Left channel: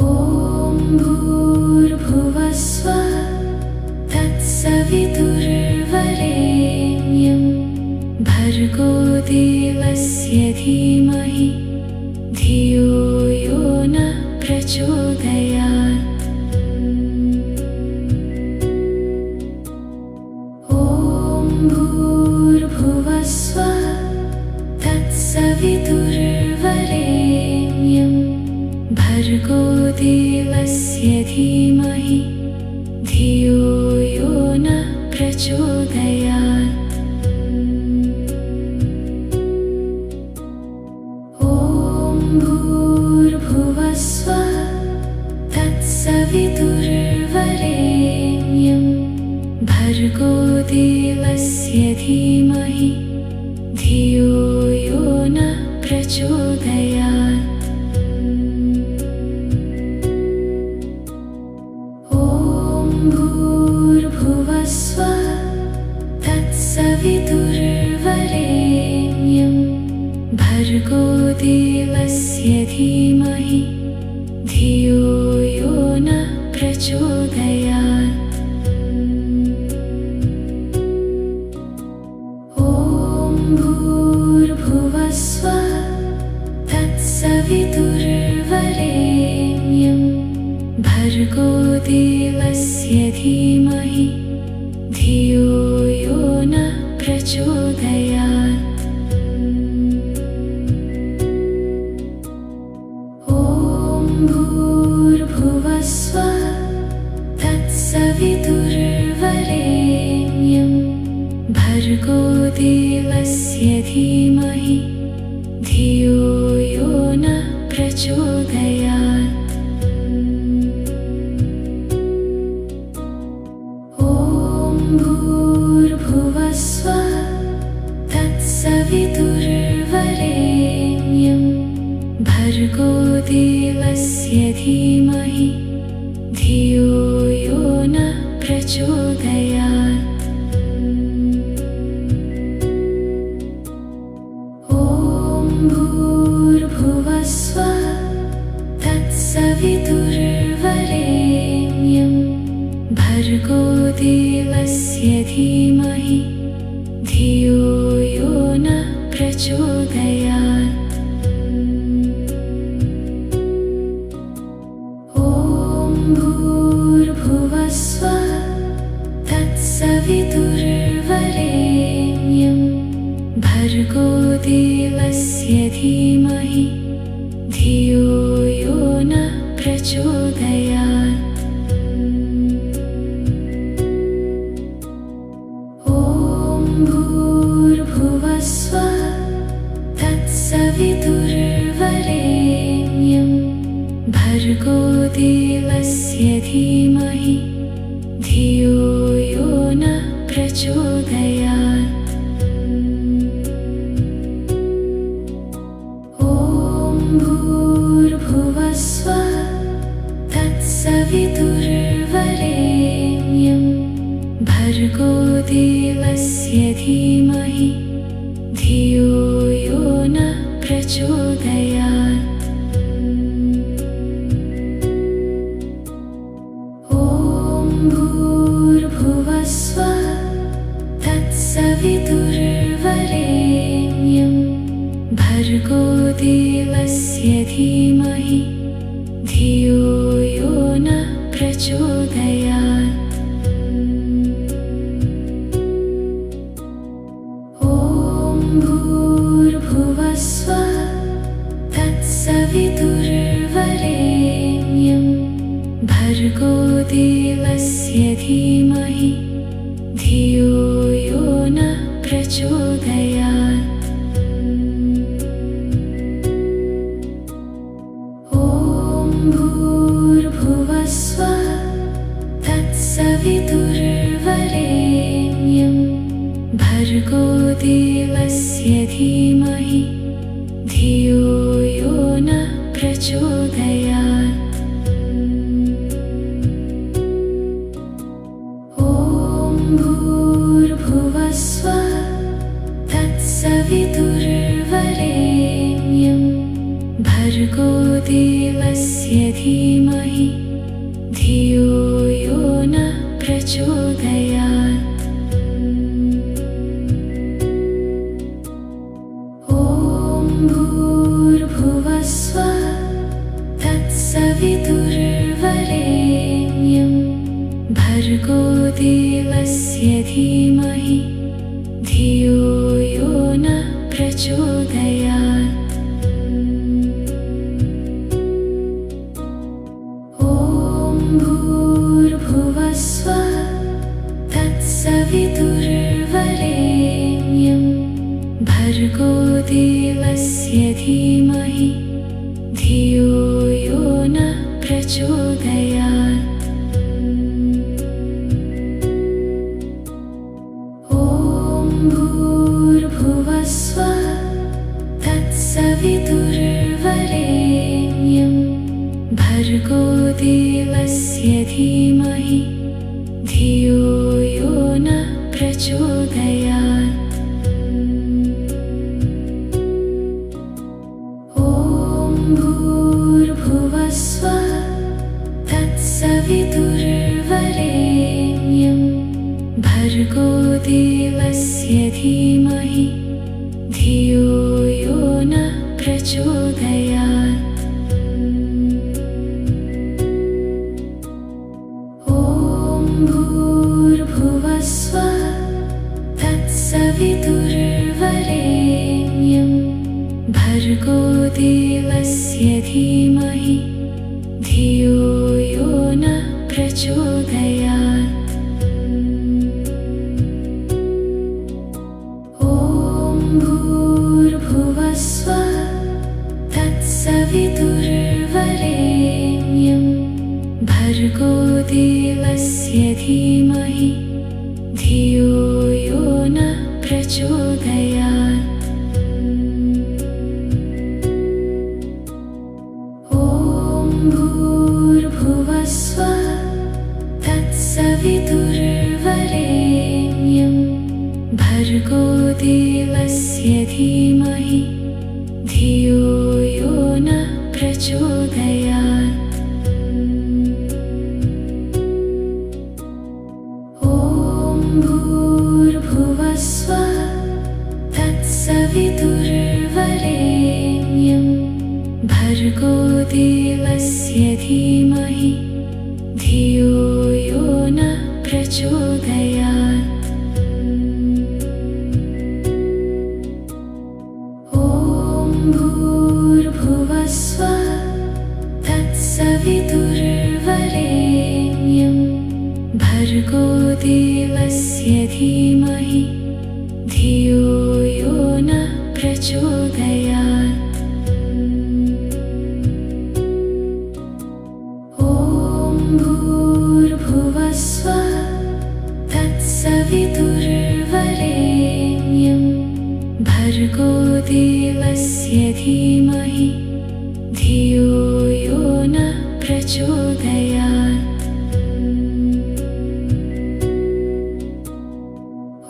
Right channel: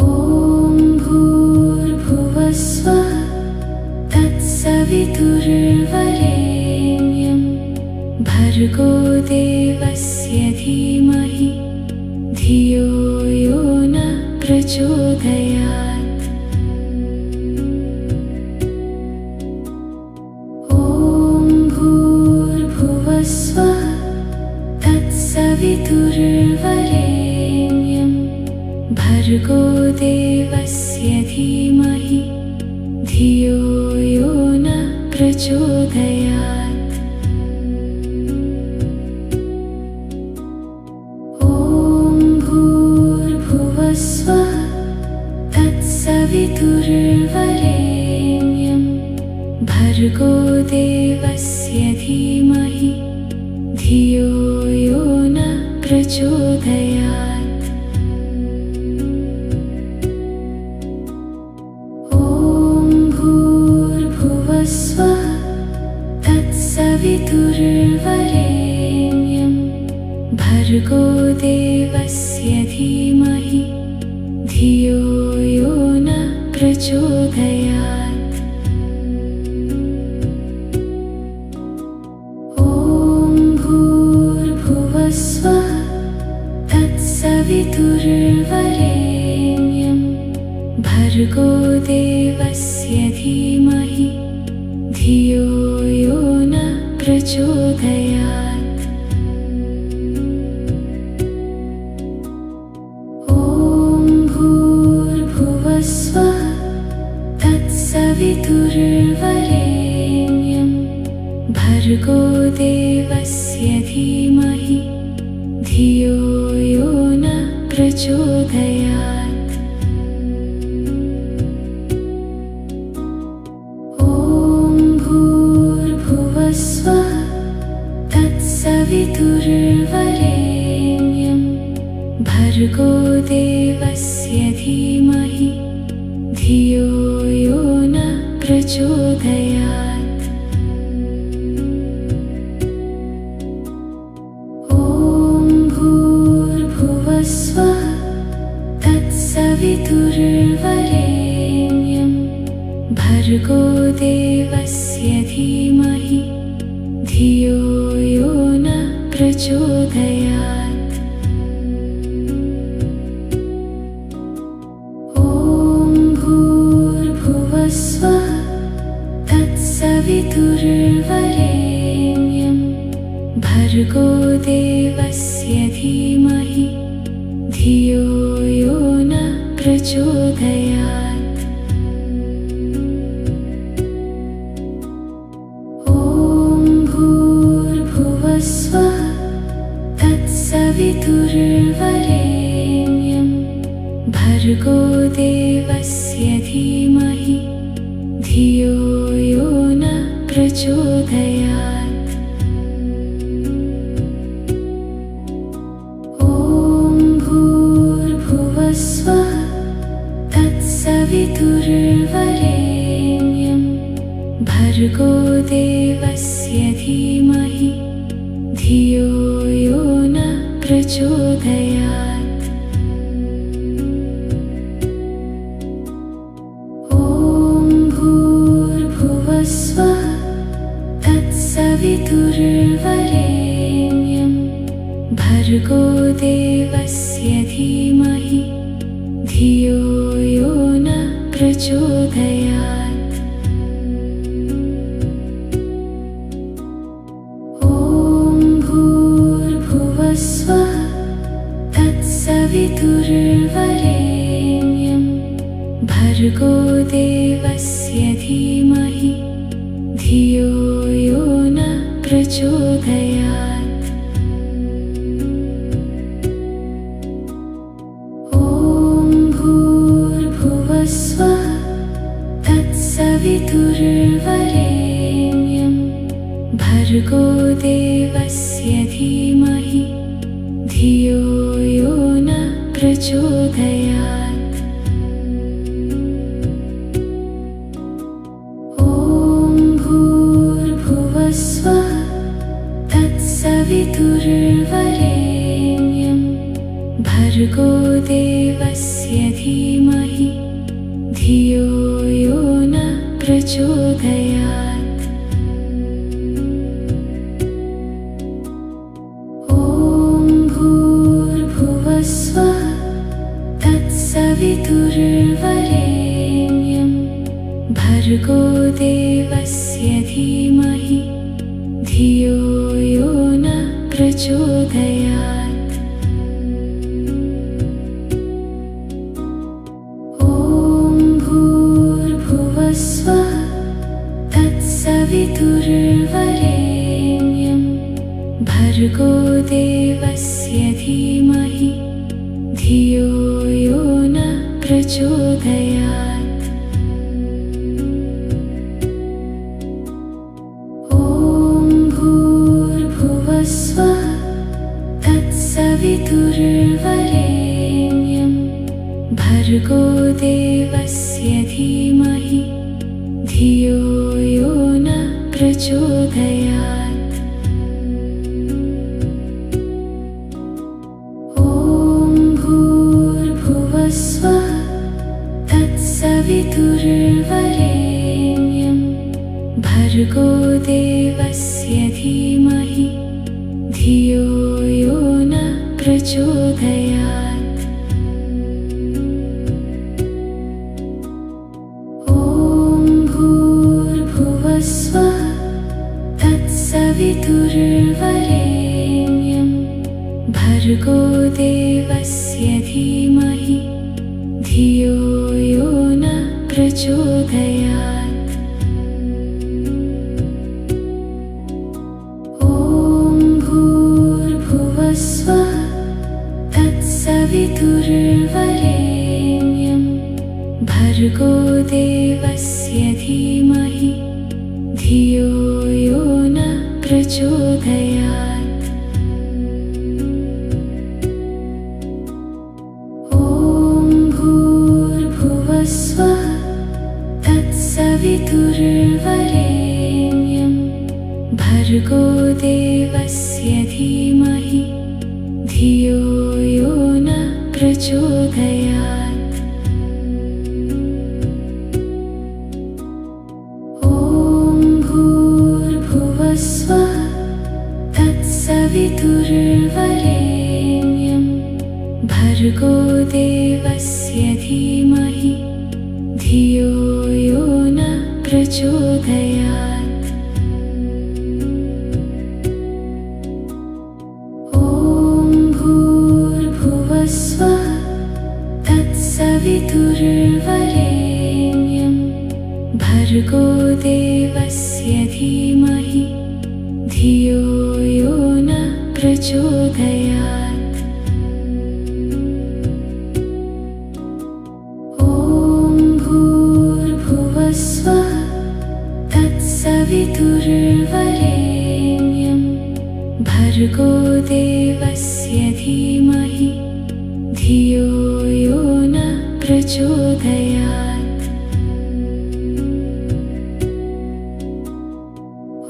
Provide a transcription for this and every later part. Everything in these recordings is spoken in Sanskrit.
ॐ भूर्भुवस्वः तत्सवितुर्वरेण्यं भर्गो देवस्य धीमहि धियो यो नः प्रचोदयात्। ॐ भूर्भुवस्वः तत्सवितुर्वरेण्यं भर्गो देवस्य धीमहि धियो यो नः प्रचोदयात्। भूर्भुवस्वः तत्सवितुर्वरेण्यं भर्गो देवस्य धीमहि धियो यो नः प्रचोदयात्। ॐ भूर्भुवस्वः तत्सवितुर्वरेण्यं भर्गो देवस्य धीमहि धियो यो नः प्रचोदयात्। ॐ भूर्भुवस्वः तत्सवितुर्वरेण्यं भर्गो देवस्य धीमहि धियो यो नः प्रचोदयात्। भूर्भुवस्वः तत्सवितुर्वरेण्यं भर्गो देवस्य धीमहि धियो यो नः प्रचोदयात्। ॐ भूर्भुवस्वः तत्सवितुर्वरेण्यं भर्गो देवस्य धीमहि धियो यो नः प्रचोदयात्। ॐ भूर्भुवस्वः तत्सवितुर्वरेण्यं भर्गो देवस्य धीमहि धियो यो नः प्रचोदयात्। भूर्भुवस्वः तत्सवितुर्वरेण्यं भर्गो देवस्य धीमहि धियो यो नः प्रचोदयात्। ॐ भूर्भुवस्वः तत्सवितुर्वरेण्यं भर्गो देवस्य धीमहि धियो यो नः प्रचोदयात्। ॐ भूर्भुवस्वः तत्सवितुर्वरेण्यं भर्गो देवस्य धीमहि धियो यो नः प्रचोदयात्। भूर्भुवस्वः तत्सवितुर्वरेण्यं भर्गो देवस्य धीमहि धियो यो नः प्रचोदयात्। ॐ भूर्भुवस्वः तत्सवितुर्वरेण्यं भर्गो देवस्य धीमहि धियो यो नः प्रचोदयात्। ॐ भूर्भुवस्वः तत्सवितुर्वरेण्यं भर्गो देवस्य धीमहि धियो यो नः प्रचोदयात्। भूर्भुवस्वः तत्सवितुर्वरेण्यं भर्गो देवस्य भर्गोदेवस्य धीमहि धियो यो न प्रचोदयात्। ॐ भूर्भुवस्वः तत्सवितुर्वरेण्यं भर्गोदेवस्य धीमहि धियो यो न प्रचोदयात्। ॐ भूर्भुवस्वः तत्सवितुर्वरेण्यं भर्गोदेवस्य धीमहि धियो यो न प्रचोदयात्। ॐ भूर्भुवस्वः तत्सवितुर्वरेण्यं भर्गोदेवस्य धीमहि धियो यो न प्रचोदयात्। ॐ भूर्भुवस्वः तत्सवितुर्वरेण्यं भर्गोदेवस्य धीमहि धियो यो न प्रचोदयात्। ॐ भूर्भुवस्वः तत्सवितुर्वरेण्यं भर्गोदेवस्य धीमहि धियो यो न प्रचोदयात्। ॐ भूर्भुवस्वः तत्सवितुर्वरेण्यं भर्गोदेवस्य धीमहि धियो यो न प्रचोदयात्। ॐ भूर्भुवस्वः तत्सवितुर्वरेण्यं भर्गोदेवस्य धीमहि धियो यो न प्रचोदयात्। ॐ भूर्भुवस्वः तत्सवितुर्वरेण्यं भर्गोदेवस्य धीमहि धियो यो न प्रचोदयात्। ॐ भूर्भुवस्वः तत्सवितुर्वरेण्यं भर्गोदेवस्य धीमहि धियो यो न प्रचोदयात्। ॐ भूर्भुवस्वः तत्सवितुर्वरेण्यं भर्गोदेवस्य धीमहि धियो यो न प्रचोदयात्।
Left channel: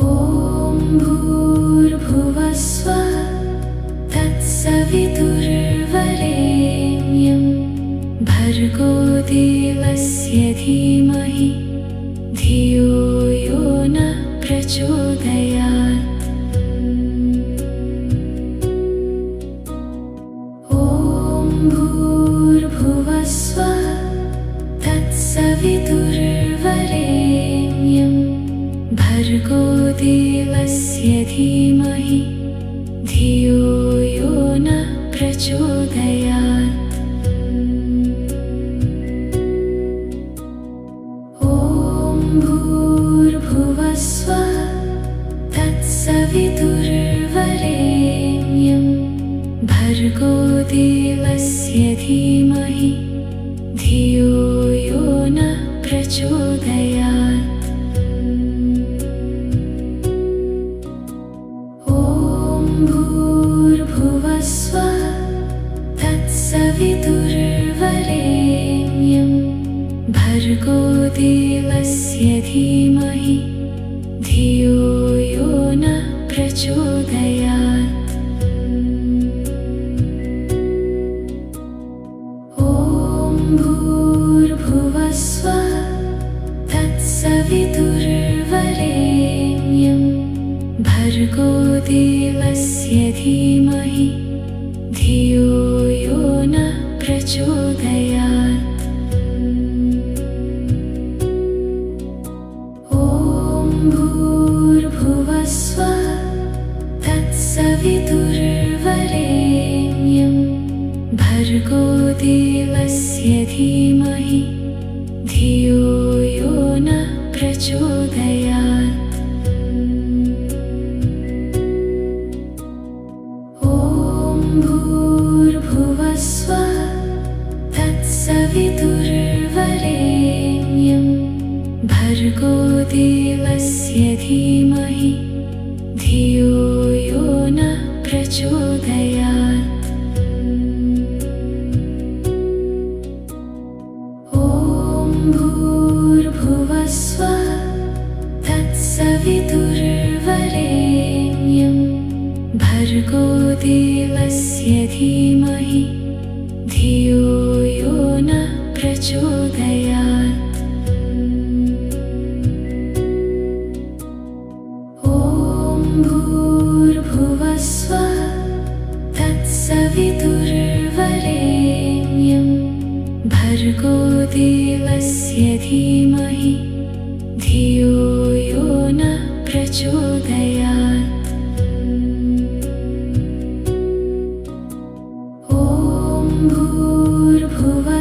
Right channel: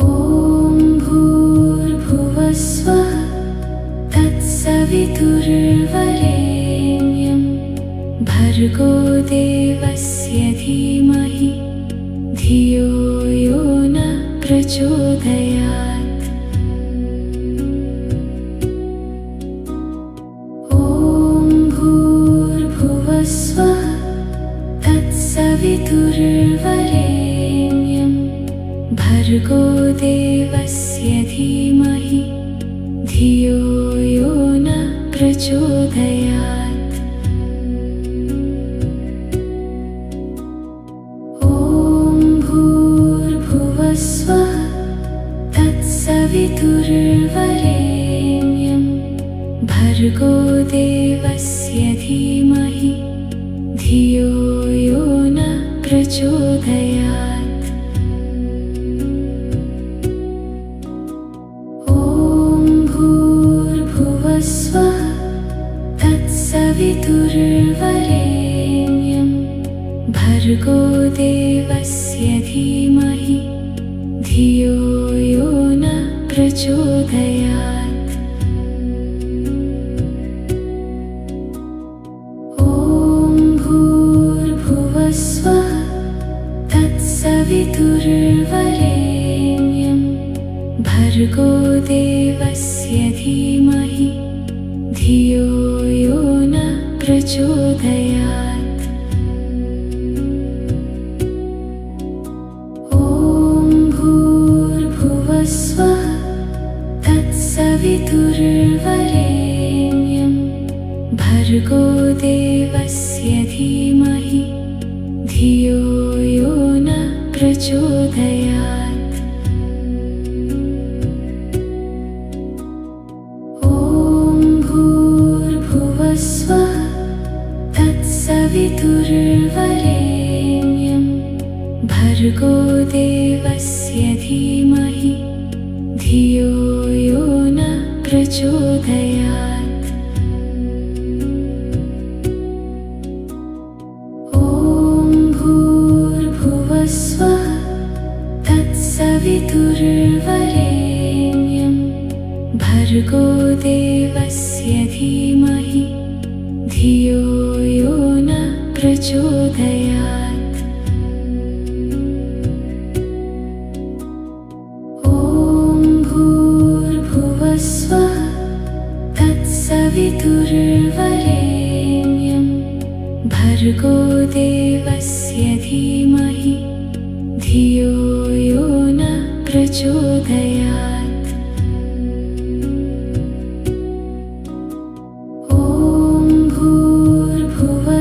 ॐ भूर्भुवस्वः तत्सवितुर्वरेण्यं भर्गोदेवस्य धीमहि धियो यो न प्रचोदयात्। ॐ भूर्भुवस्वः तत्सवितुर्वरेण्यं भर्गोदेवस्य धीमहि धियो यो न प्रचोदयात्। ॐ भूर्भुवस्वः तत्सवितुर्वरेण्यं भर्गोदेवस्य धीमहि धियो यो न प्रचोदयात्। ॐ भूर्भुवस्वः तत्सवितुर्वरेण्यं भर्गोदेवस्य धीमहि धियो यो न प्रचोदयात्। ॐ भर्गो देवस्य धीमहि धियो यो नः प्रचोदयात्। ॐ भूर्भुवः स्वः तत्सवितुर्वरेण्यं भर्गो देवस्य धीमहि धियो यो नः प्रचोदयात्। स्वः तत्सवितुर्वरेण्यं भर्गो देवस्य धीमहि धियो यो नः प्रचोदयात्। ॐ भूर्भुवः स्वः तत्सवितुर्वरेण्यं भर्गो देवस्य धीमहि धियो यो नः प्रचोदयात्। ॐ भूर्भुवः स्वः तत्सवितुर्वरेण्यं भर्गो देवस्य धीमहि धियो यो नः प्रचोदयात्।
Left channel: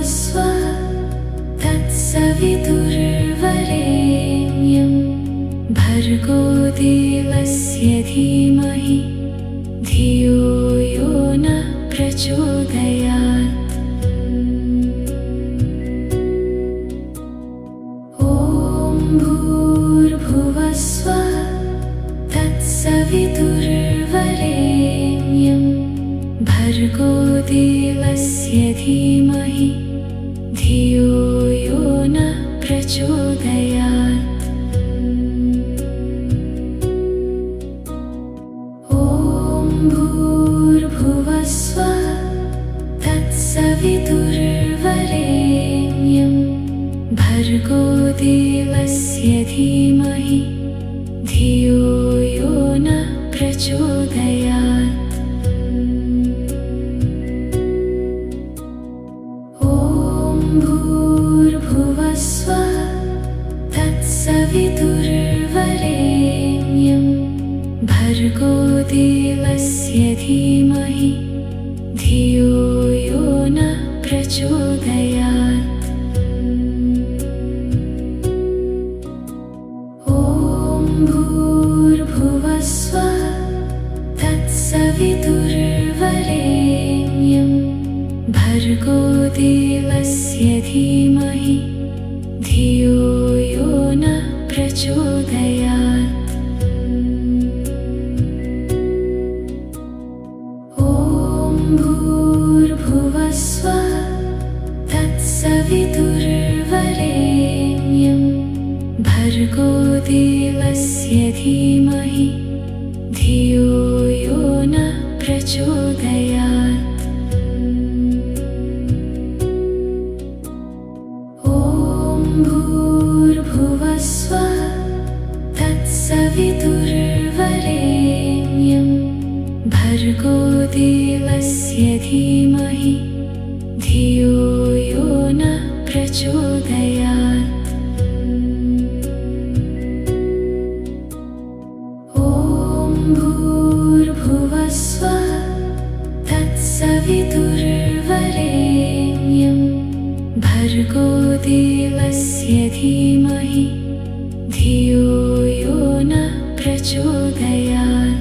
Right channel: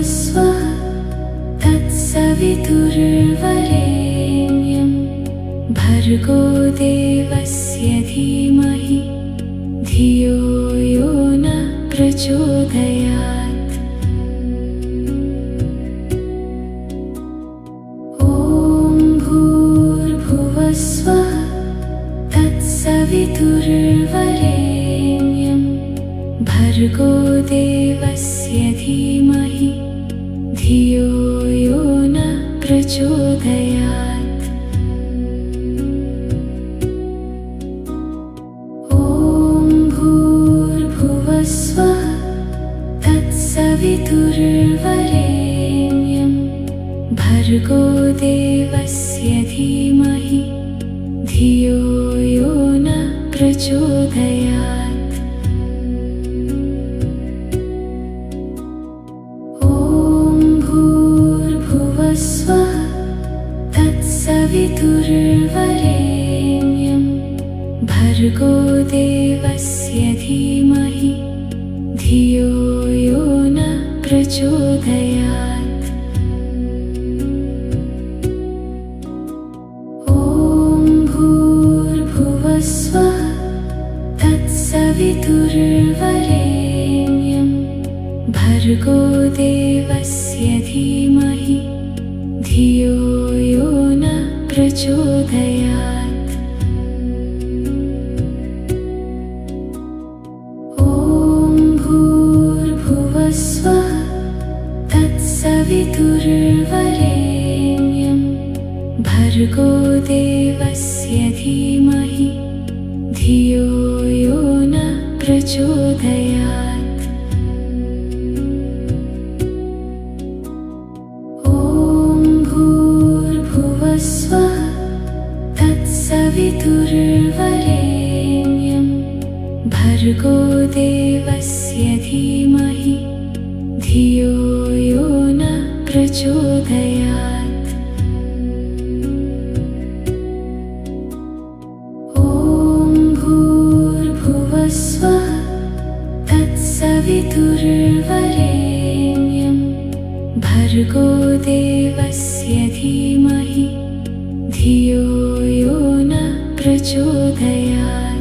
स्वः तत्सवितुर्वरेण्यं भर्गो देवस्य धीमहि धियो यो नः प्रचोदयात्। ॐ भूर्भुवः स्वः तत्सवितुर्वरेण्यं भर्गो देवस्य धीमहि धियो यो नः प्रचोदयात्। ॐ भूर्भुवः स्वः तत्सवितुर्वरेण्यं भर्गो देवस्य धीमहि धियो यो नः प्रचोदयात्। स्वः तत्सवितुर्वरेण्यं भर्गो देवस्य धीमहि धियो यो नः प्रचोदयात्। ॐ भूर्भुवः स्वः तत्सवितुर्वरेण्यं भर्गो देवस्य धीमहि धियो यो नः प्रचोदयात्। ॐ भूर्भुवः स्वः तत्सवितुर्वरेण्यं भर्गो देवस्य धीमहि धियो यो नः प्रचोदयात्। स्वः तत्सवितुर्वरेण्यं भर्गो देवस्य धीमहि धियो यो नः प्रचोदयात्। ॐ भूर्भुवः स्वः तत्सवितुर्वरेण्यं भर्गो देवस्य धीमहि धियो यो नः प्रचोदयात्।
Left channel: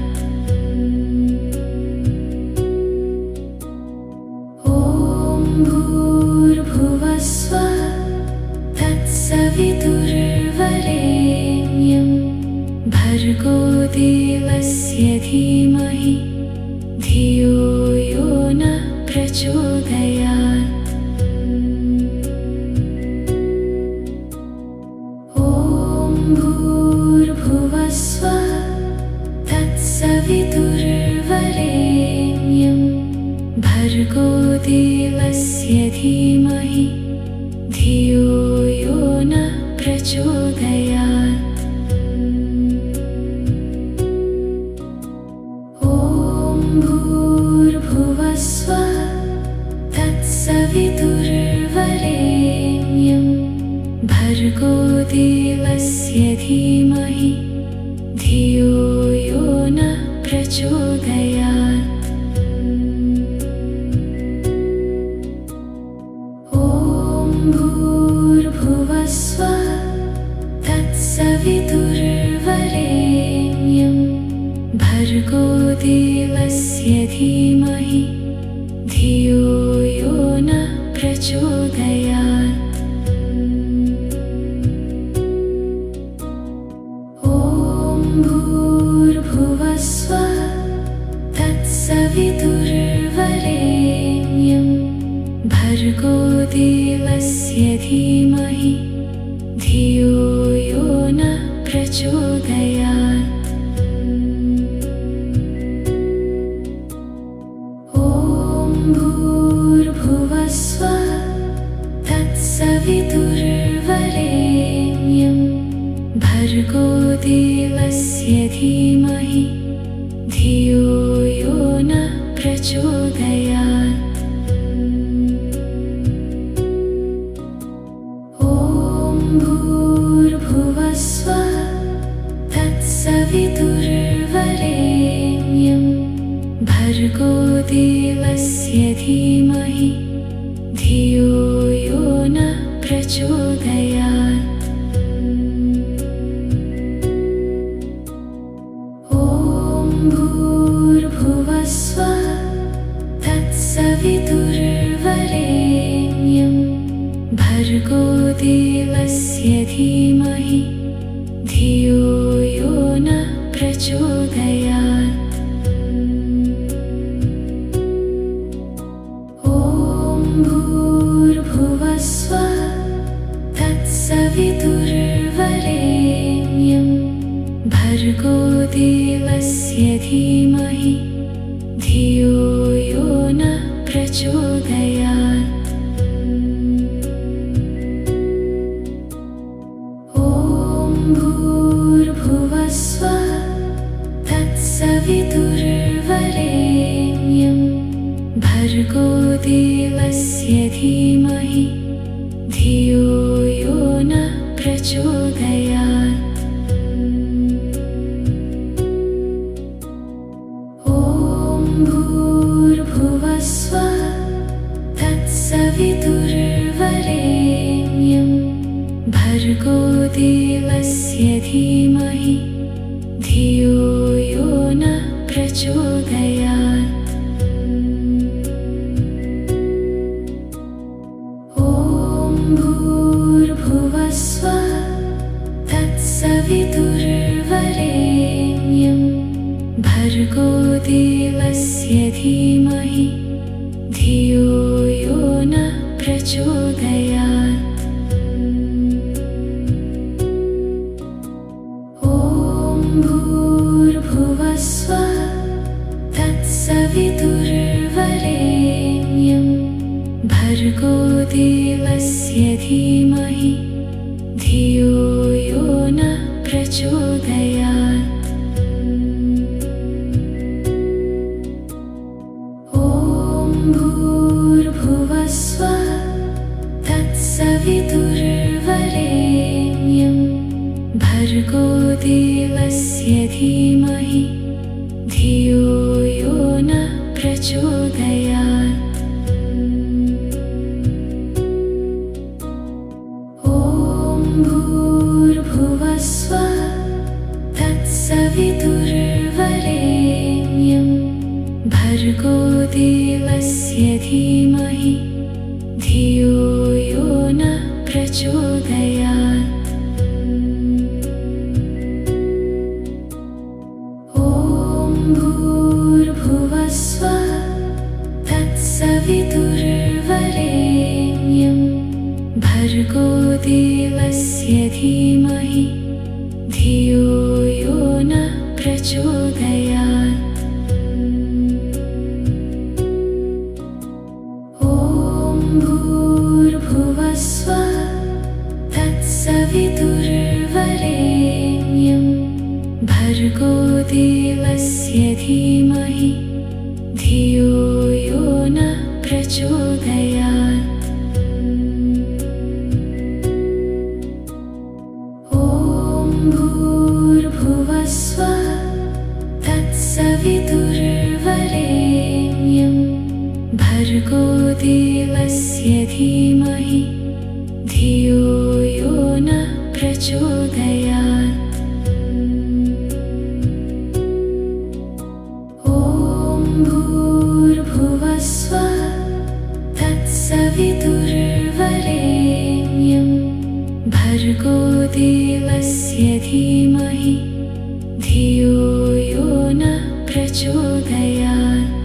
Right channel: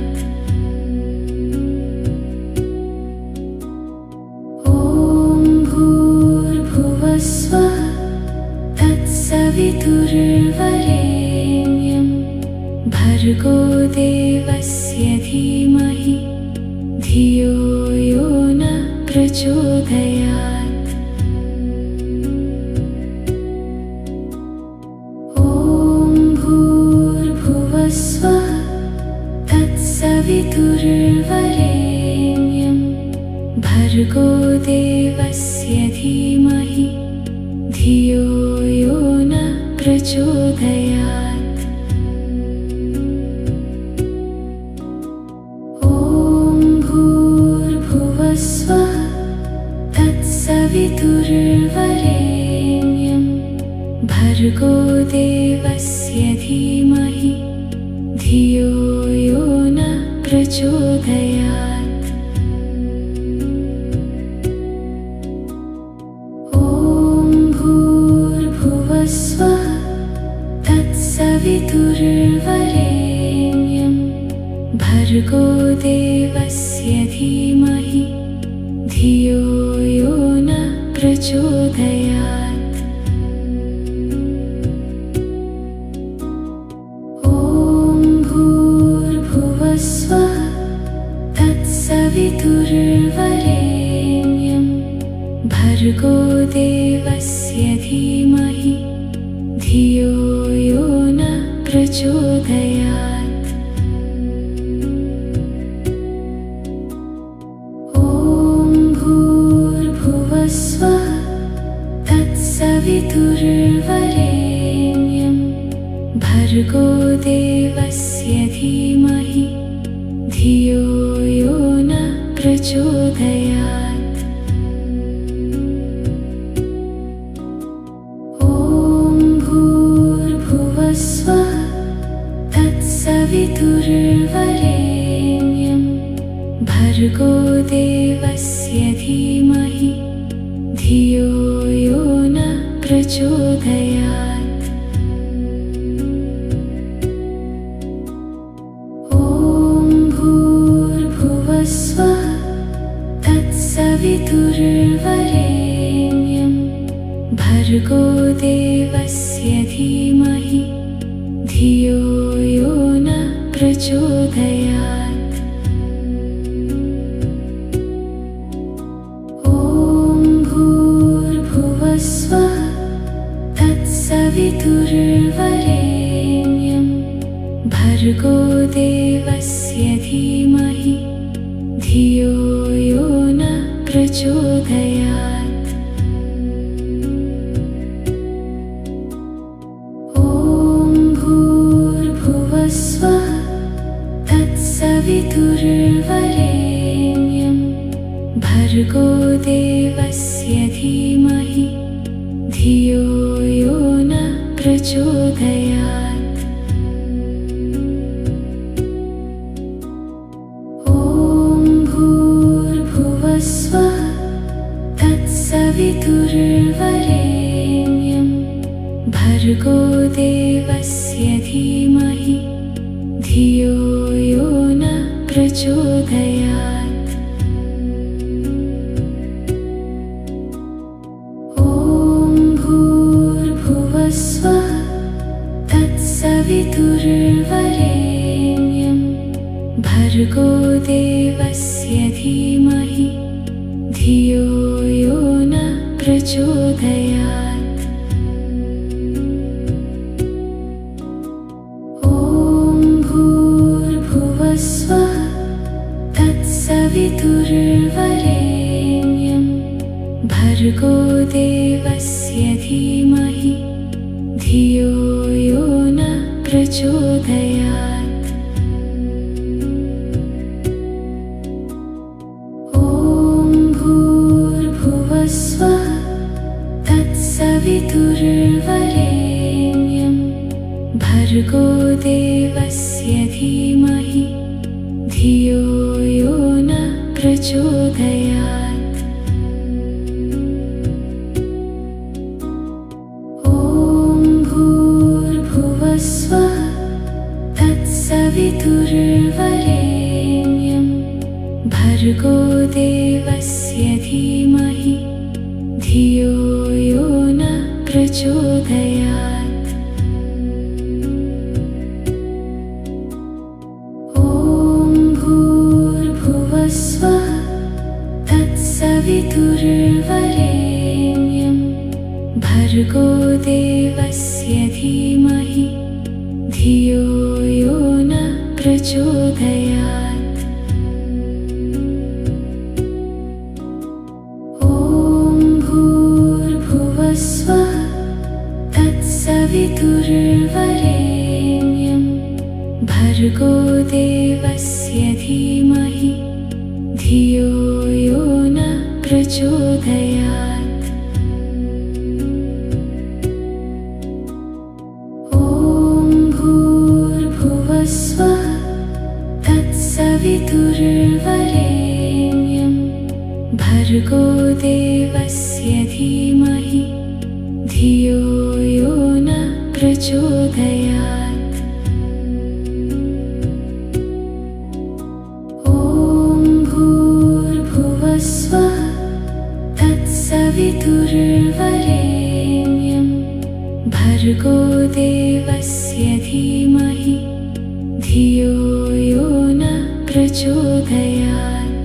ॐ भूर्भुवः स्वः तत्सवितुर्वरेण्यं भर्गो देवस्य धीमहि धियो यो नः प्रचोदयात्। स्वः तत्सवितुर्वरेण्यं भर्गो देवस्य धीमहि धियो यो नः प्रचोदयात्। ॐ पितृवरेण्यं भर्गो देवस्य धीमहि धियो यो न प्रचोदयात्। ॐ भूर्भुवस्वः तत्सवितुर्वरेण्यं भर्गो देवस्य धीमहि धियो यो न प्रचोदयात्। ॐ भूर्भुवस्वः तत्सवितुर्वरेण्यं भर्गो देवस्य धीमहि धियो यो न प्रचोदयात्। ॐ भूर्भुवस्वः तत्सवितुर्वरेण्यं भर्गो देवस्य धीमहि धियो यो न प्रचोदयात्। ॐ भूर्भुवस्वः तत्सवितुर्वरेण्यं भर्गो देवस्य धीमहि धियो यो न प्रचोदयात्। ॐ भूर्भुवस्वः तत्सवितुर्वरेण्यं भर्गो देवस्य धीमहि धियो यो न प्रचोदयात्। ॐ भूर्भुवस्वः तत्सवितुर्वरेण्यं भर्गो देवस्य धीमहि धियो यो न प्रचोदयात्। ॐ भूर्भुवस्वः तत्सवितुर्वरेण्यं भर्गो देवस्य धीमहि धियो यो न प्रचोदयात्। ॐ भूर्भुवस्वः तत्सवितुर्वरेण्यं भर्गो देवस्य धीमहि धियो यो न प्रचोदयात्। ॐ भूर्भुवस्वः तत्सवितुर्वरेण्यं भर्गो देवस्य धीमहि धियो यो न प्रचोदयात्। ॐ भूर्भुवस्वः तत्सवितुर्वरेण्यं भर्गो देवस्य धीमहि धियो यो न प्रचोदयात्। ॐ भूर्भुवस्वः तत्सवितुर्वरेण्यं भर्गो देवस्य धीमहि धियो यो न प्रचोदयात्। ॐ भूर्भुवस्वः तत्सवितुर्वरेण्यं भर्गो देवस्य धीमहि धियो यो न प्रचोदयात्। ॐ भूर्भुवस्वः तत्सवितुर्वरेण्यं भर्गो देवस्य धीमहि धियो यो न प्रचोदयात्। ॐ भूर्भुवस्वः तत्सवितुर्वरेण्यं भर्गो देवस्य धीमहि धियो यो न प्रचोदयात्। धीमहि धियो यो न प्रचोदयात्। ॐ भूर्भुवः स्वः तत्सवितुर्वरेण्यं भर्गो देवस्य धीमहि धियो यो न प्रचोदयात्।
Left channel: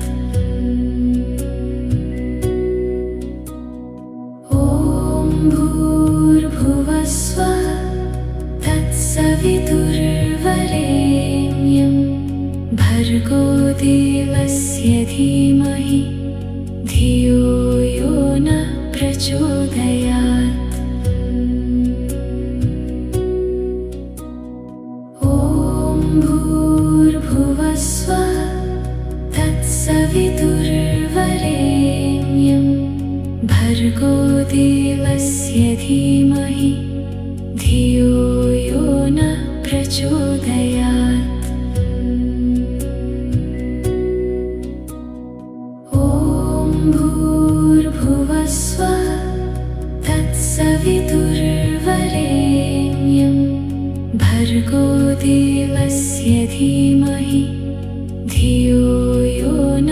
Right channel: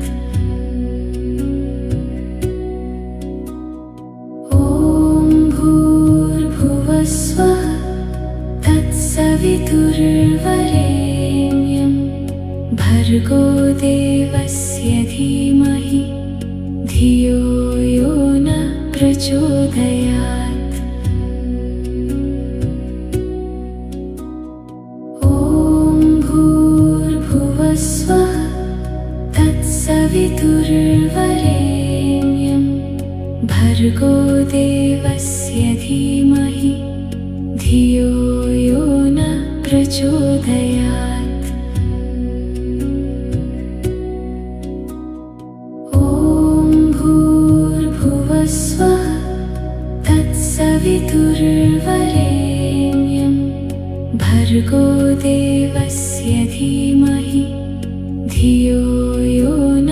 ॐ भूर्भुवः स्वः तत्सवितुर्वरेण्यं भर्गो देवस्य धीमहि धियो यो न प्रचोदयात्। ॐ भूर्भुवः स्वः तत्सवितुर्वरेण्यं भर्गो देवस्य धीमहि धियो यो न प्रचोदयात्। ॐ भूर्भुवः स्वः तत्सवितुर्वरेण्यं भर्गो देवस्य धीमहि धियो यो न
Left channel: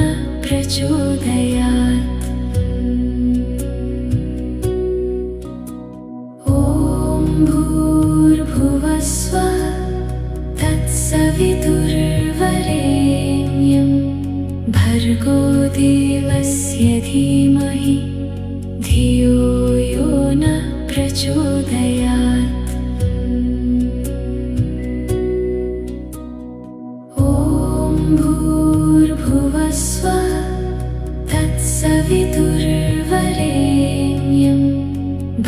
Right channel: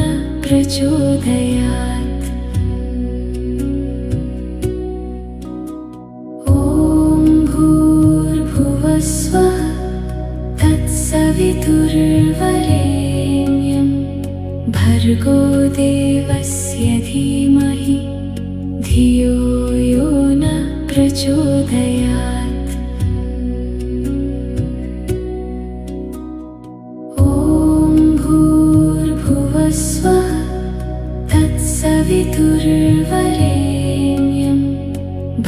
प्रचोदयात्। ॐ भूर्भुवः स्वः तत्सवितुर्वरेण्यं भर्गो देवस्य धीमहि धियो यो न प्रचोदयात्। ॐ भूर्भुवः स्वः तत्सवितुर्वरेण्यं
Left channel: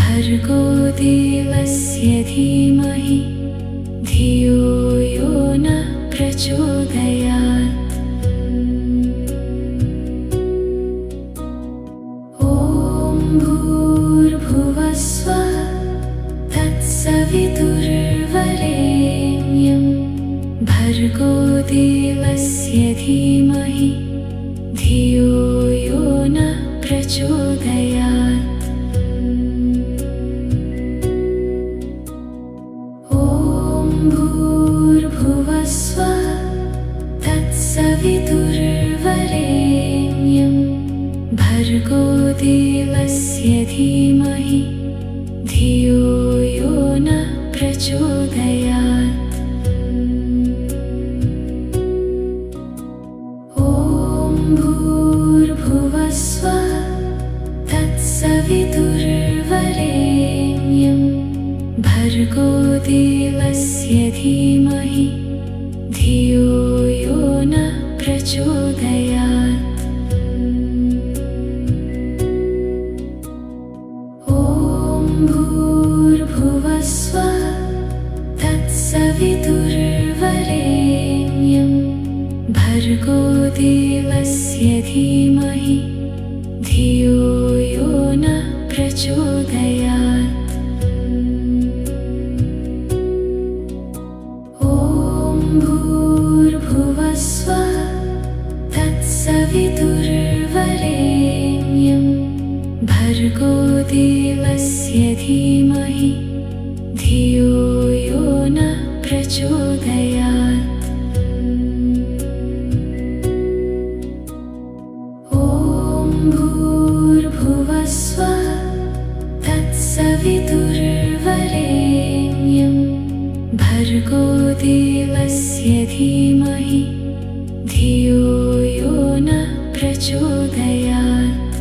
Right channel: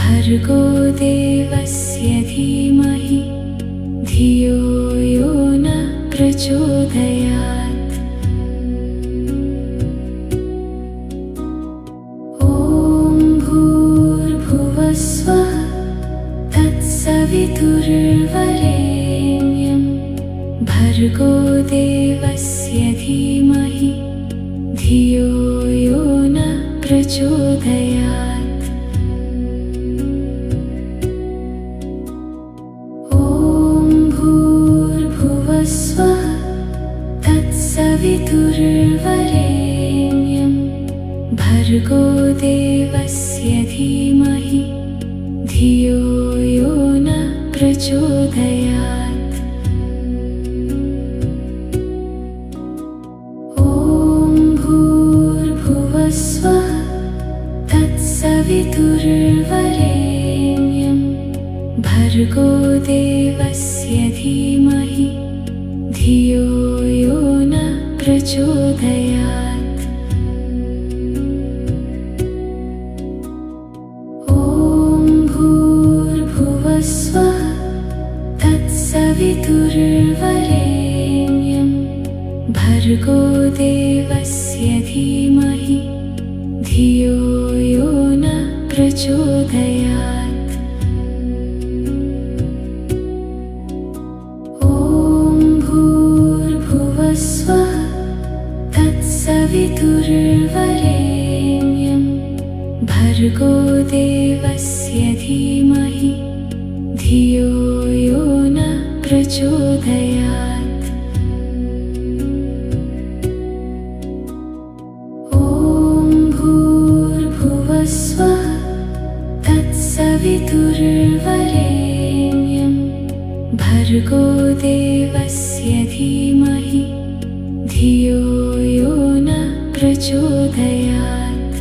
भर्गो देवस्य धीमहि धियो यो न प्रचोदयात्। ॐ भूर्भुवः स्वः तत्सवितुर्वरेण्यं भर्गो देवस्य धीमहि धियो यो न प्रचोदयात्। ॐ भूर्भुवः स्वः तत्सवितुर्वरेण्यं भर्गो देवस्य धीमहि धियो यो न प्रचोदयात्। ॐ भूर्भुवः स्वः तत्सवितुर्वरेण्यं भर्गो देवस्य धीमहि धियो यो न प्रचोदयात्। ॐ भूर्भुवः स्वः तत्सवितुर्वरेण्यं भर्गो देवस्य धीमहि धियो यो न प्रचोदयात्। ॐ भूर्भुवः स्वः तत्सवितुर्वरेण्यं भर्गो देवस्य धीमहि धियो यो न प्रचोदयात्। ॐ भूर्भुवः स्वः तत्सवितुर्वरेण्यं भर्गो देवस्य धीमहि धियो यो न प्रचोदयात्।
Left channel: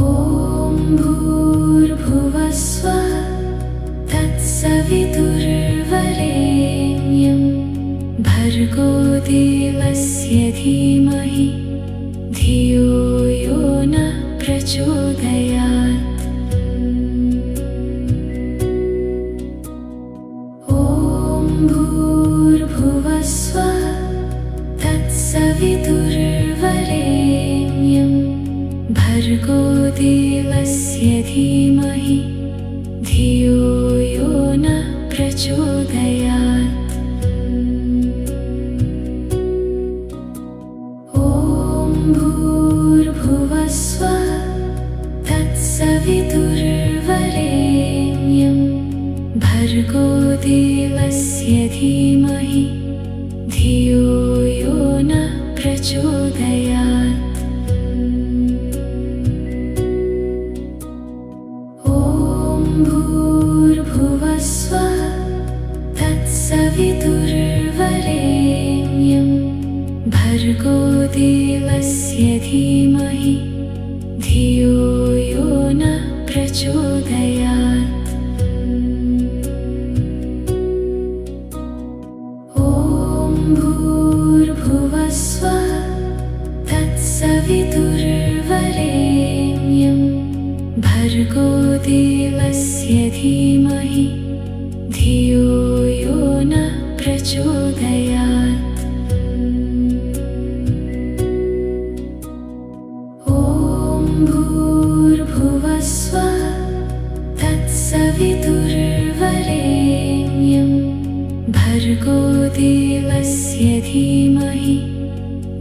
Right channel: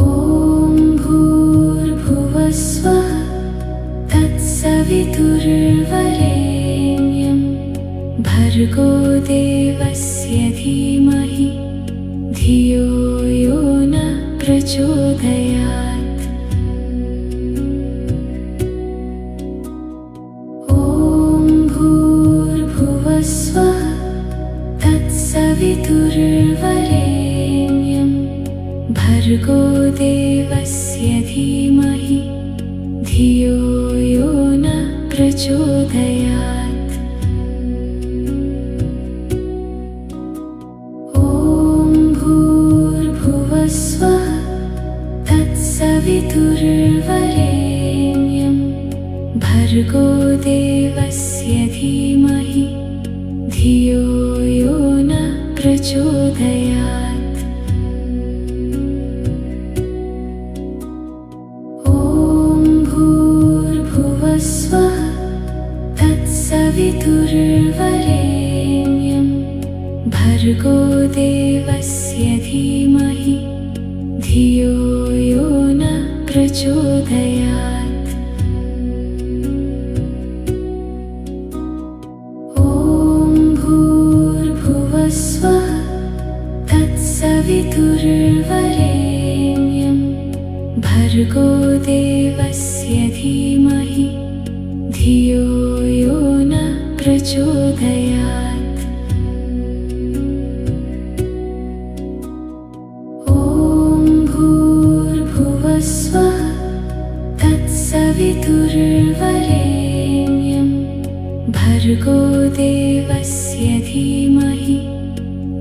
ॐ भूर्भुवः स्वः तत्सवितुर्वरेण्यं भर्गो देवस्य धीमहि धियो यो न प्रचोदयात्। ॐ भूर्भुवः स्वः तत्सवितुर्वरेण्यं भर्गो देवस्य धीमहि धियो यो न प्रचोदयात्। ॐ भर्गो देवस्य धीमहि धियो यो न प्रचोदयात्। ॐ भूर्भुवः स्वः तत्सवितुर्वरेण्यं भर्गो देवस्य धीमहि धियो यो न प्रचोदयात्। ॐ भूर्भुवः स्वः तत्सवितुर्वरेण्यं भर्गो देवस्य धीमहि धियो यो न प्रचोदयात्। ॐ भूर्भुवः स्वः तत्सवितुर्वरेण्यं भर्गो देवस्य धीमहि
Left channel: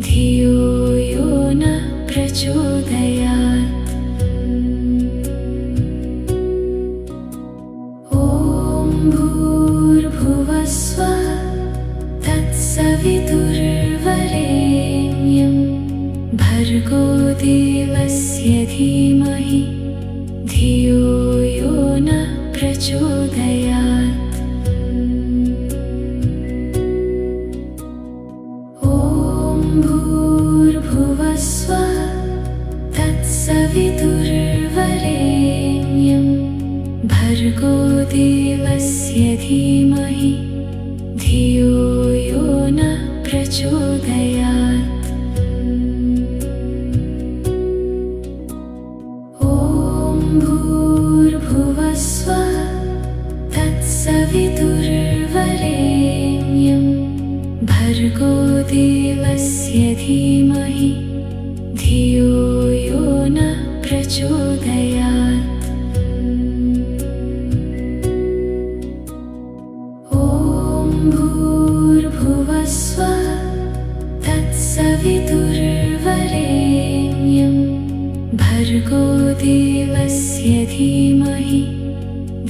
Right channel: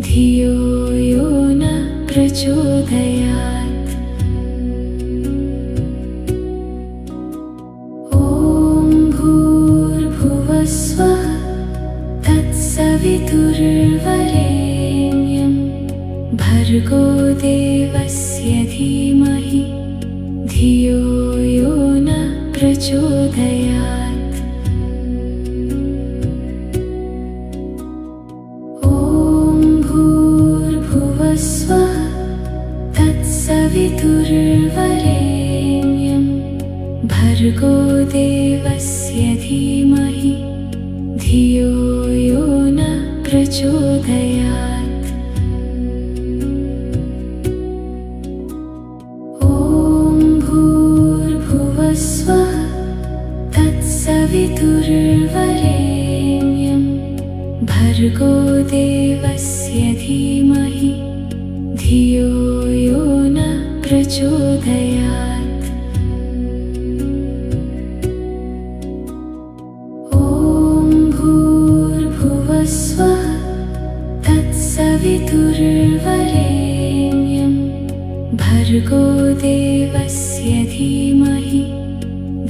धियो यो न प्रचोदयात्। ॐ भूर्भुवः स्वः तत्सवितुर्वरेण्यं भर्गो देवस्य धीमहि धियो यो न प्रचोदयात्। ॐ भूर्भुवः स्वः तत्सवितुर्वरेण्यं भर्गो देवस्य धीमहि धियो यो न प्रचोदयात्। ॐ भूर्भुवः स्वः तत्सवितुर्वरेण्यं भर्गो देवस्य धीमहि धियो यो न प्रचोदयात्। ॐ भूर्भुवः स्वः तत्सवितुर्वरेण्यं भर्गो देवस्य धीमहि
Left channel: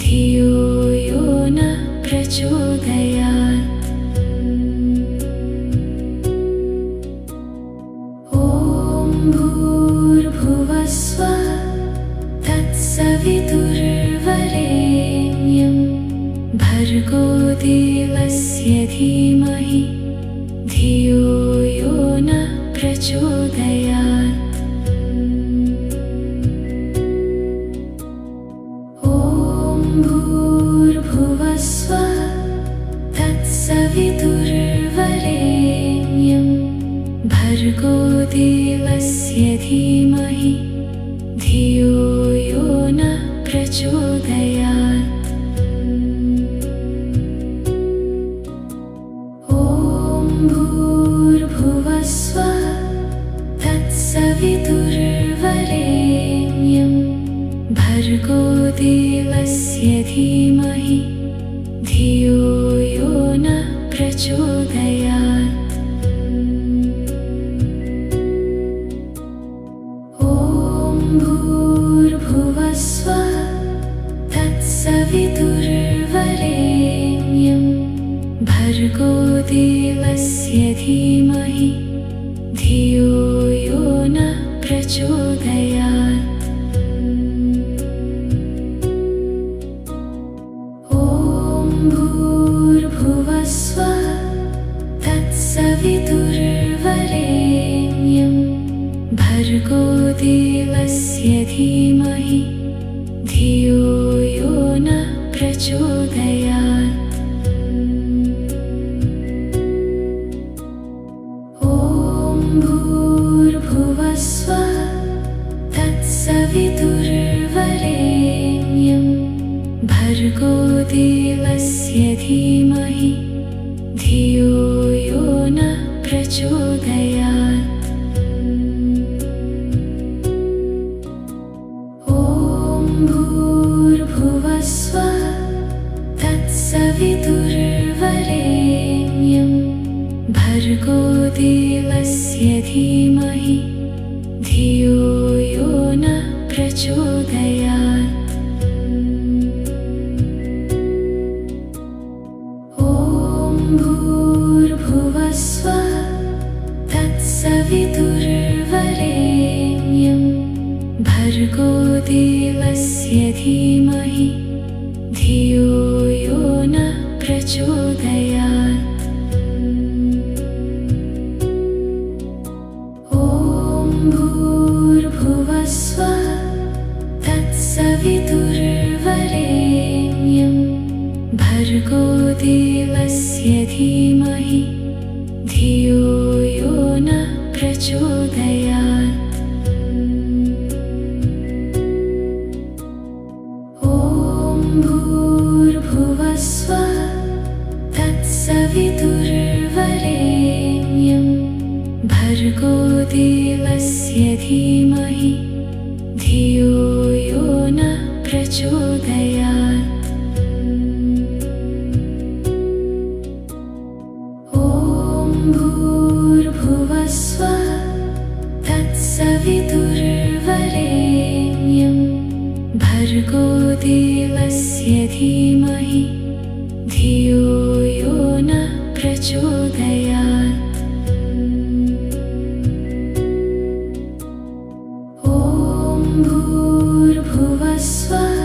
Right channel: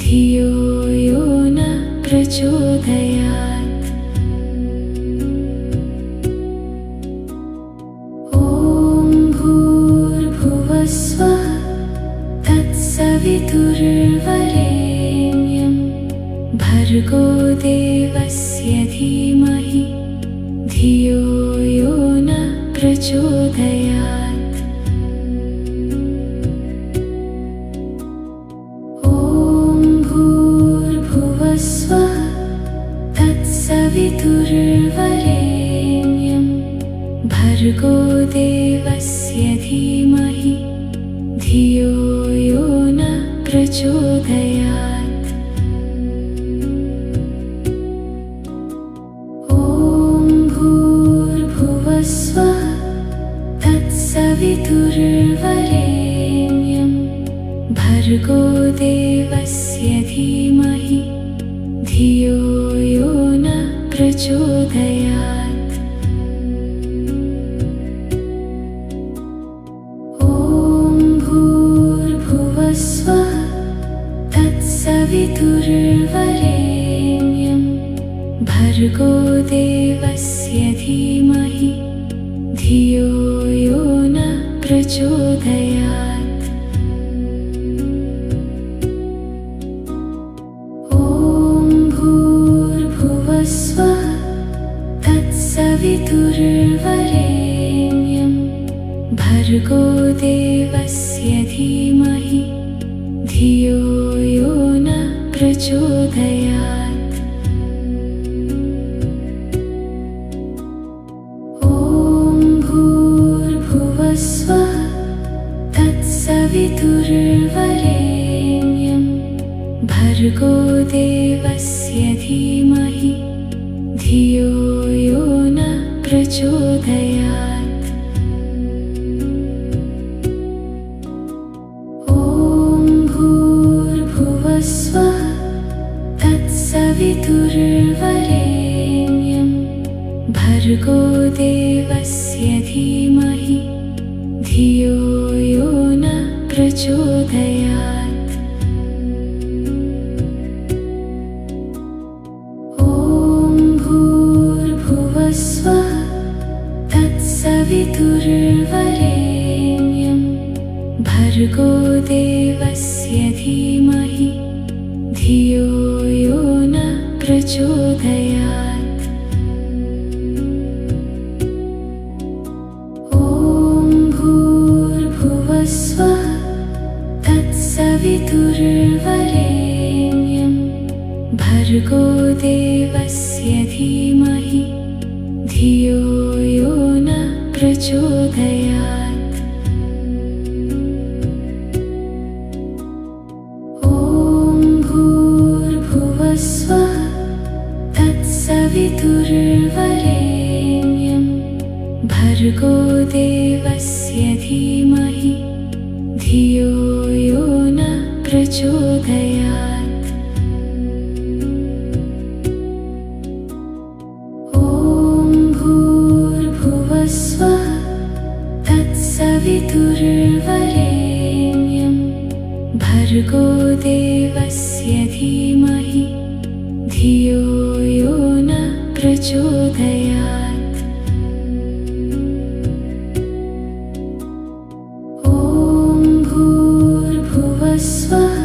धियो यो न प्रचोदयात्। ॐ भूर्भुवः स्वः तत्सवितुर्वरेण्यं भर्गो देवस्य धीमहि धियो यो न प्रचोदयात्। ॐ भूर्भुवः स्वः तत्सवितुर्वरेण्यं भर्गो देवस्य धीमहि धियो यो न प्रचोदयात्। ॐ भूर्भुवः स्वः तत्सवितुर्वरेण्यं भर्गो देवस्य धीमहि धियो यो न प्रचोदयात्। ॐ भूर्भुवः स्वः तत्सवितुर्वरेण्यं भर्गो देवस्य धीमहि धियो यो न प्रचोदयात्। ॐ भूर्भुवः स्वः तत्सवितुर्वरेण्यं भर्गो देवस्य धीमहि धियो यो न प्रचोदयात्। ॐ भूर्भुवः स्वः तत्सवितुर्वरेण्यं भर्गो देवस्य धीमहि धियो यो न प्रचोदयात्। ॐ भूर्भुवः स्वः तत्सवितुर्वरेण्यं भर्गो देवस्य धीमहि धियो यो न प्रचोदयात्। ॐ भर्गो देवस्य धीमहि धियो यो न प्रचोदयात्। ॐ भूर्भुवस्वः तत्सवितुर्वरेण्यं भर्गो देवस्य धीमहि धियो यो न प्रचोदयात्। ॐ भूर्भुवस्वः तत्सवितुर्वरेण्यं भर्गो देवस्य धीमहि धियो यो न प्रचोदयात्। ॐ भूर्भुवस्वः तत्सवितुर्वरेण्यं भर्गो देवस्य धीमहि धियो यो न प्रचोदयात्। ॐ भूर्भुवस्वः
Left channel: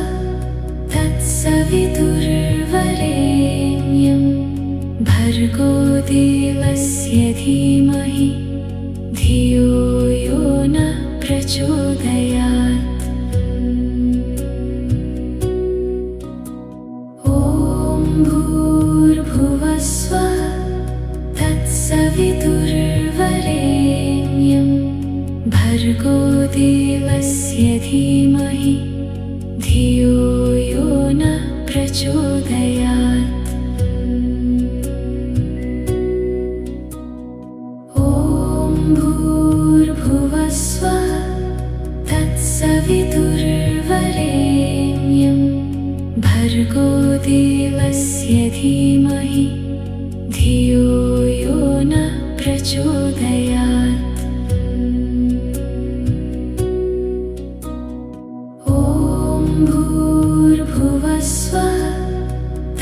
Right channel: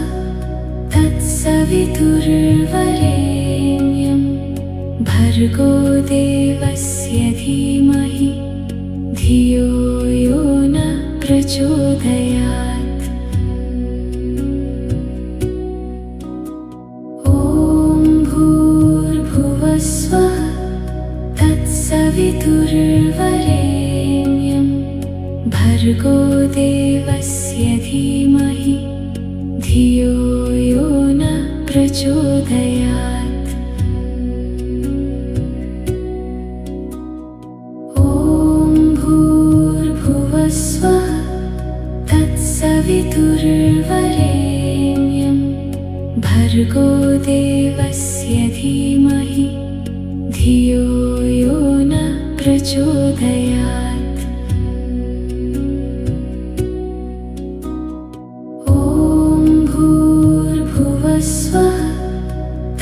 तत्सवितुर्वरेण्यं भर्गो देवस्य धीमहि धियो यो न प्रचोदयात्। ॐ भूर्भुवस्वः तत्सवितुर्वरेण्यं भर्गो देवस्य धीमहि धियो यो न प्रचोदयात्। ॐ भूर्भुवस्वः तत्सवितुर्वरेण्यं भर्गो देवस्य धीमहि धियो यो न प्रचोदयात्। ॐ भूर्भुवस्वः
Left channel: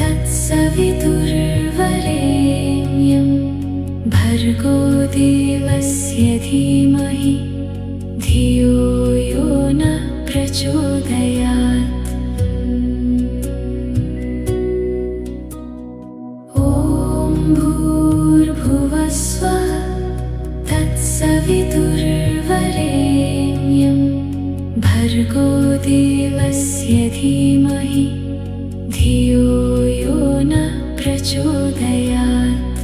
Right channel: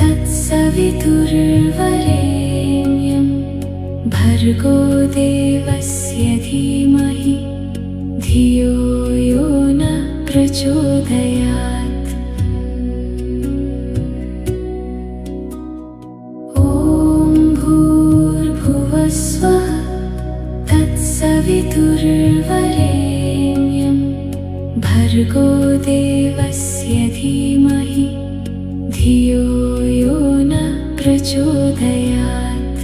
तत्सवितुर्वरेण्यं भर्गो देवस्य धीमहि धियो यो न प्रचोदयात्। ॐ भूर्भुवस्वः तत्सवितुर्वरेण्यं भर्गो देवस्य धीमहि धियो यो न प्रचोदयात्।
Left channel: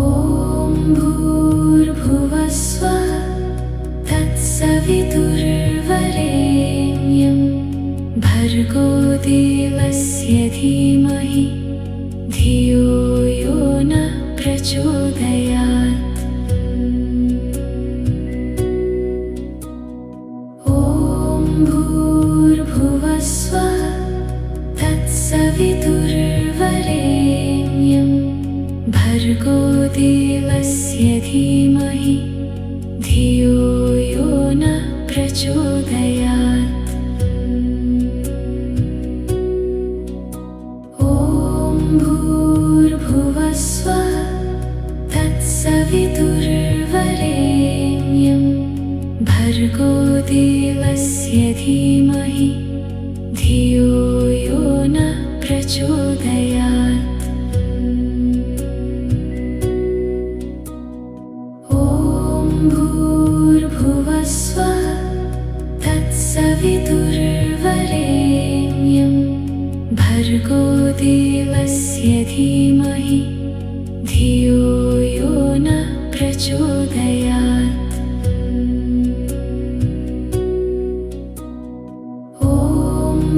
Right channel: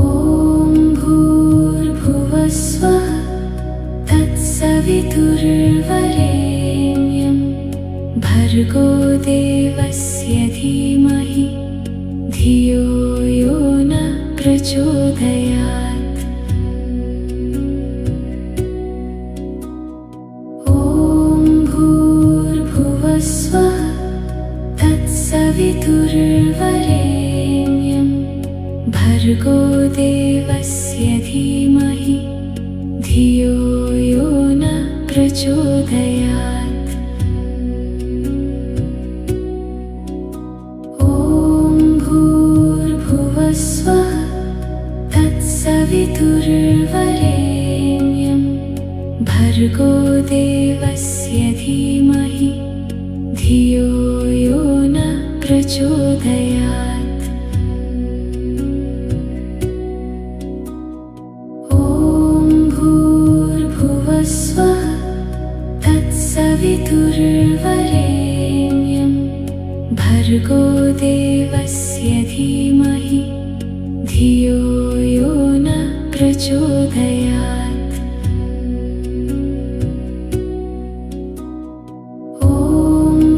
ॐ भूर्भुवस्वः तत्सवितुर्वरेण्यं भर्गो देवस्य धीमहि धियो यो न प्रचोदयात्। ॐ भूर्भुवस्वः तत्सवितुर्वरेण्यं भर्गो देवस्य धीमहि धियो यो न प्रचोदयात्। ॐ भूर्भुवस्वः तत्सवितुर्वरेण्यं भर्गो देवस्य धीमहि धियो यो न प्रचोदयात्। ॐ भूर्भुवस्वः तत्सवितुर्वरेण्यं भर्गो देवस्य धीमहि धियो यो न प्रचोदयात्। ॐ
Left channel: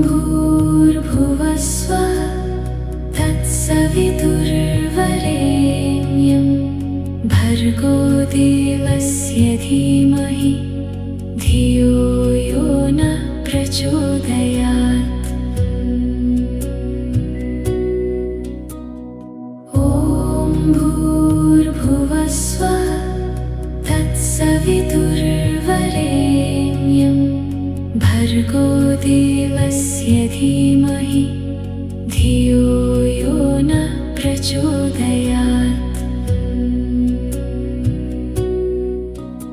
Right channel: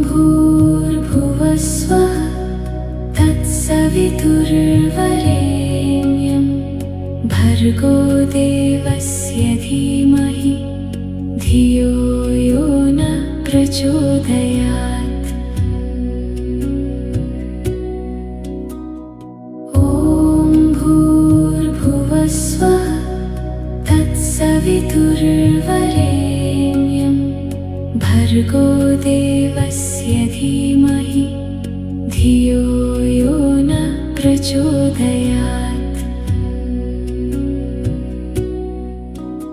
भूर्भुवस्वः तत्सवितुर्वरेण्यं भर्गो देवस्य धीमहि धियो यो न प्रचोदयात्। ॐ भूर्भुवस्वः तत्सवितुर्वरेण्यं भर्गो देवस्य धीमहि धियो यो न प्रचोदयात्। ॐ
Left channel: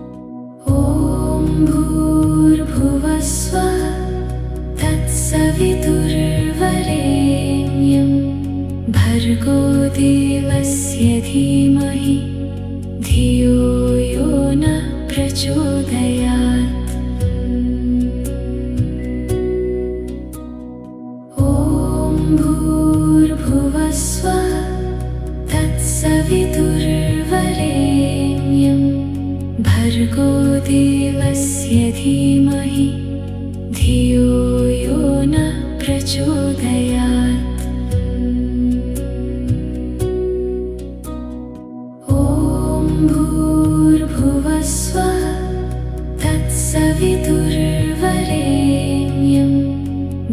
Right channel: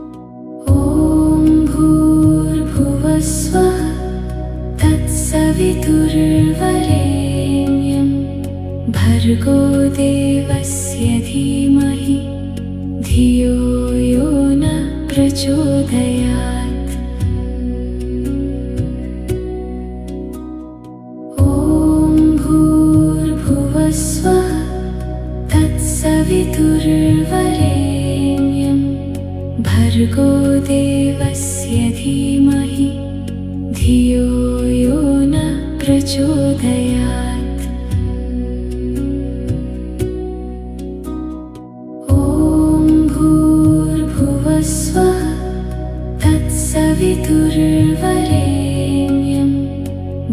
भर्गो देवस्य धीमहि धियो यो न प्रचोदयात्। ॐ भूर्भुवः स्वः तत्सवितुर्वरेण्यं भर्गो देवस्य धीमहि धियो यो न प्रचोदयात्। ॐ भूर्भुवः स्वः तत्सवितुर्वरेण्यं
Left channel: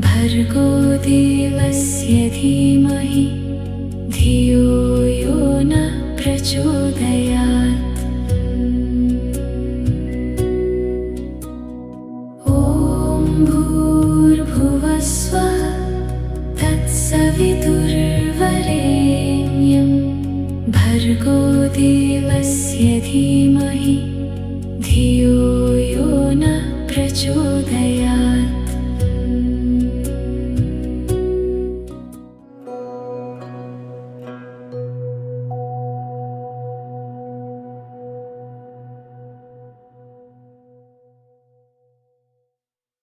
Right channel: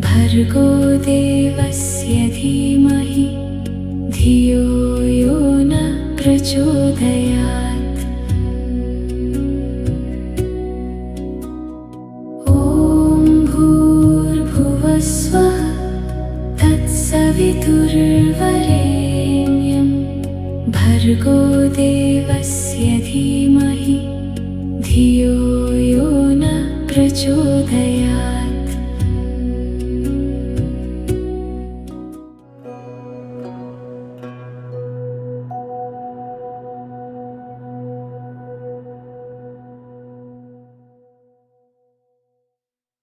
भर्गो देवस्य धीमहि धियो यो न प्रचोदयात्। ॐ भूर्भुवः स्वः तत्सवितुर्वरेण्यं भर्गो देवस्य धीमहि धियो यो न प्रचोदयात्।